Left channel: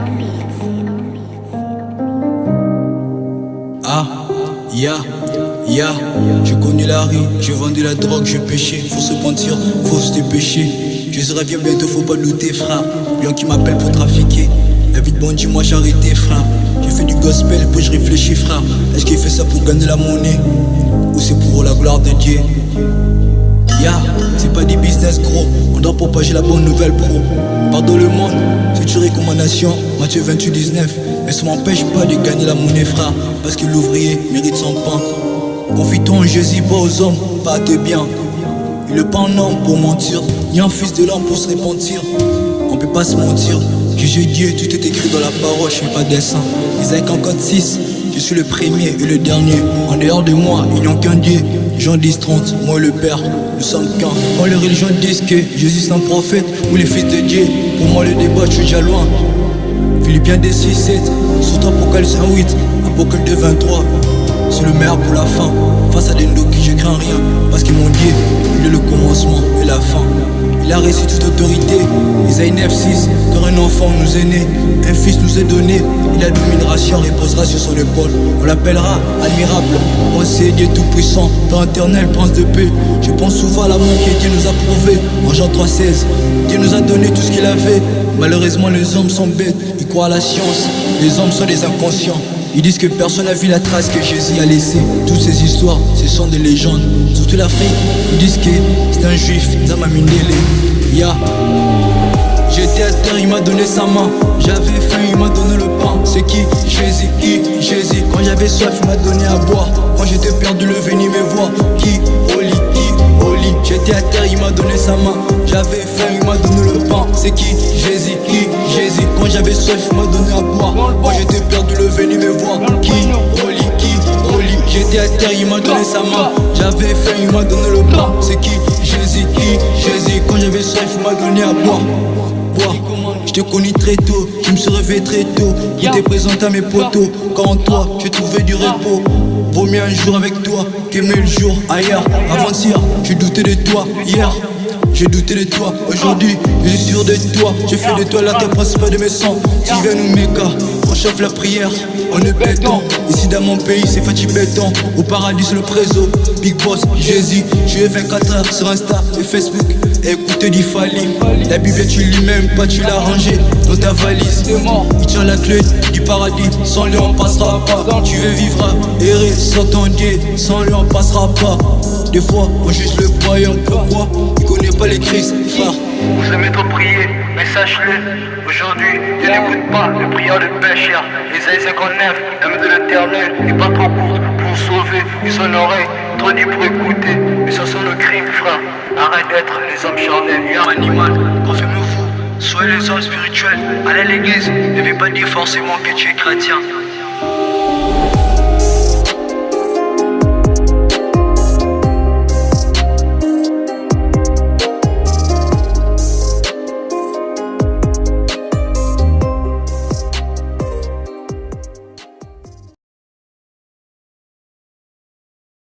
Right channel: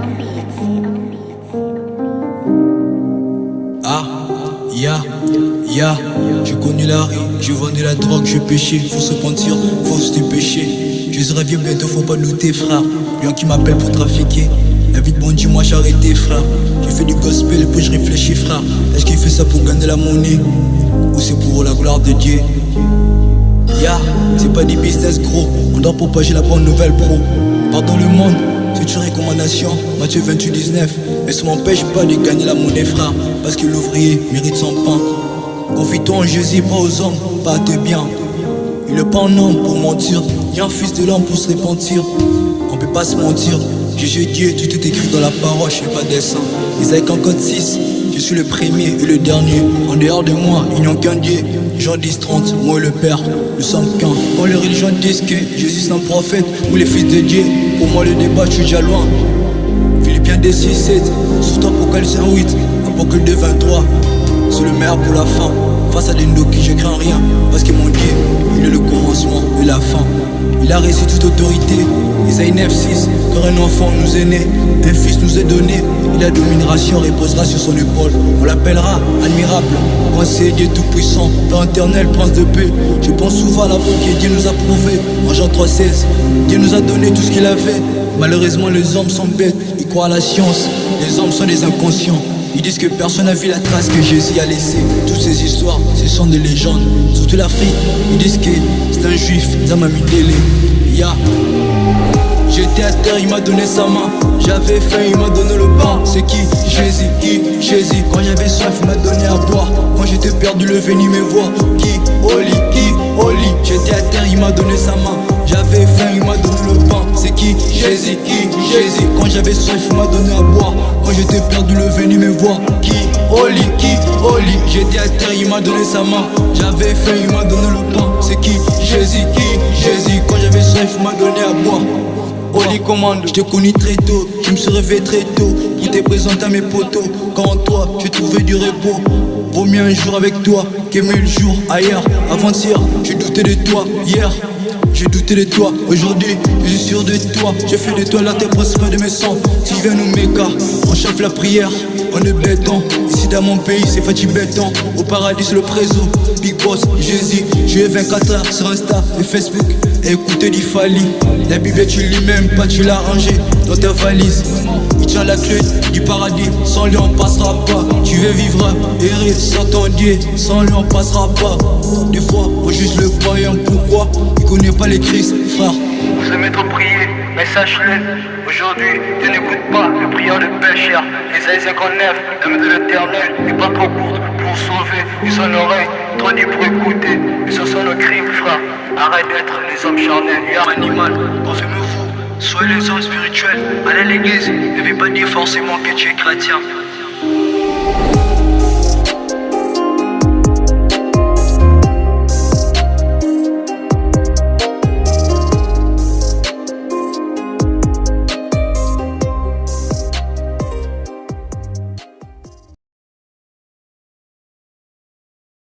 on beats. Ah, j'ai connu la rue, je vendais la drogue, je péchais, faut se mentir, faut se dépêcher. Je reviens bientôt, faut pas douter, frère. Bien qui m'appelle pour trafiquer. La vie de bandit, moi j'ai arrêté, frère. J'ai fait du gospel, puis je réfléchis, frère. Est-ce qu'il fait ça pour gagner la monnaie, ou c'est pour la gloire de Dieu? C'est pas des business gros, on doit propager la bonne nouvelle pro. Pardon le monde, c'est une recommandation, Matthieu 28-19. Mais ça m'empêche pas de gagner la monnaie, frère, parce que l'ouvrier mérite son pain. Confie-toi en Jésus, pas aux hommes, pas à tes biens. Il est pas un homme pour mentir, ni un fils de l'homme pour se repentir. On peut pas se mentir, Jésus Dieu, tout est écrit dans la parole, je fais pas de dessin. Isaïe 56, je suis le premier et le dernier. En dehors de moi, il n'y a qu'un Dieu. Jean 10-30, moi et le Père, nous sommes qu'un. Quand les religions disent que Jésus c'est un prophète ou les fils de Dieu, pour moi le débat, je suis déjà loin. Philippiens 2-6-7, surtout Apocalypse 1-8, Apocalypse 2-23. C'est le meilleur pour la fin. Face à des qui je crains rien, parce que mon Dieu, il est le commencement et la fin. Il a reçu toute autorité. Isaïe 9-6, car un enfant nous est né, un fils nous est donné, et la domination reposera sur son épaule. On l'appellera admirable, conseiller Dieu tout-puissant, Père éternel, prince de paix. Je pense souvent à l'amour que Dieu nous a prouvé. En Jean 3,16, Dieu nous a donné tout ce qu'il avait. Malheureusement les hommes sont bêtes, ils croient à la science. Les hommes sont des inconscients. Ils disent que personne n'a vu la trace que Jésus a laissée. Toutes ces histoires, ce sont des légendes. Surtout l'Afrique, ils disent que c'est un juif, Zamamindele. J'étais à terre, il m'a donné sa main. J'avais faim, il m'a donné le pain. C'est qui? Jésus, qui? Jésus. Quand j'avais soif, il m'a donné à boire. Quand j'étais perdu, le venu me voir. Qui? Oli, qui? Oli. J'étais à terre, il m'a donné sa main. J'avais faim, il m'a donné le pain. C'est qui? Jésus, qui? Jésus. Quand j'avais soif, il m'a donné à boire. Quand j'étais perdu, le venu me voir. Qui? Oli, qui? Oli. J'étais à terre, il m'a donné sa main. J'avais faim, il m'a donné le pain. C'est qui? Jésus, qui? Jésus. Quand j'avais soif, il m'a donné à boire. Je te connais très tôt, je me suis réveillé très tôt pour te présenter à mes potos. Quand en toi, j'ai trouvé du repos. Vaut mieux un jour avec toi qu'aimer le jour ailleurs. Avant-hier, j'ai douté de toi. Hier, j'ai douté de toi. Aujourd'hui, je suis sûr de toi. J'ai fait de toi la terre principale de mes sangs. Tu viens nous méca, on chauffe la prière. On est béton, ici dans mon pays c'est Fatih béton. Au paradis c'est le préso, Big Boss, Jésus. J'ai 24 heures sur Insta et Facebook. Écoutez du Fali, la Bible tu lis même pas, tu l'as rangée dans ta valise. Il tient la clé du paradis, sans lui on passera pas. Tu veux vivre, errer sans ton Dieu, sans lui on passera pas. Des fois on juge le croyant, pourquoi? Il connaît pas les Christ, frère. Vous aimez trop prier, mais sache-le. Aujourd'hui, Dieu n'écoute pas les prières de pécheurs. Isaïe 59, la main de l'éternel n'est pas trop courte pour sauver. Et son oreille, trop dit pour écouter. Et ce sont nos crimes, frère. Arrête d'être les hommes charnels et un animal. Confirmez-vous, soyez les hommes spirituels. Allez à l'église, ne veut pas dire forcément que tu es chrétien.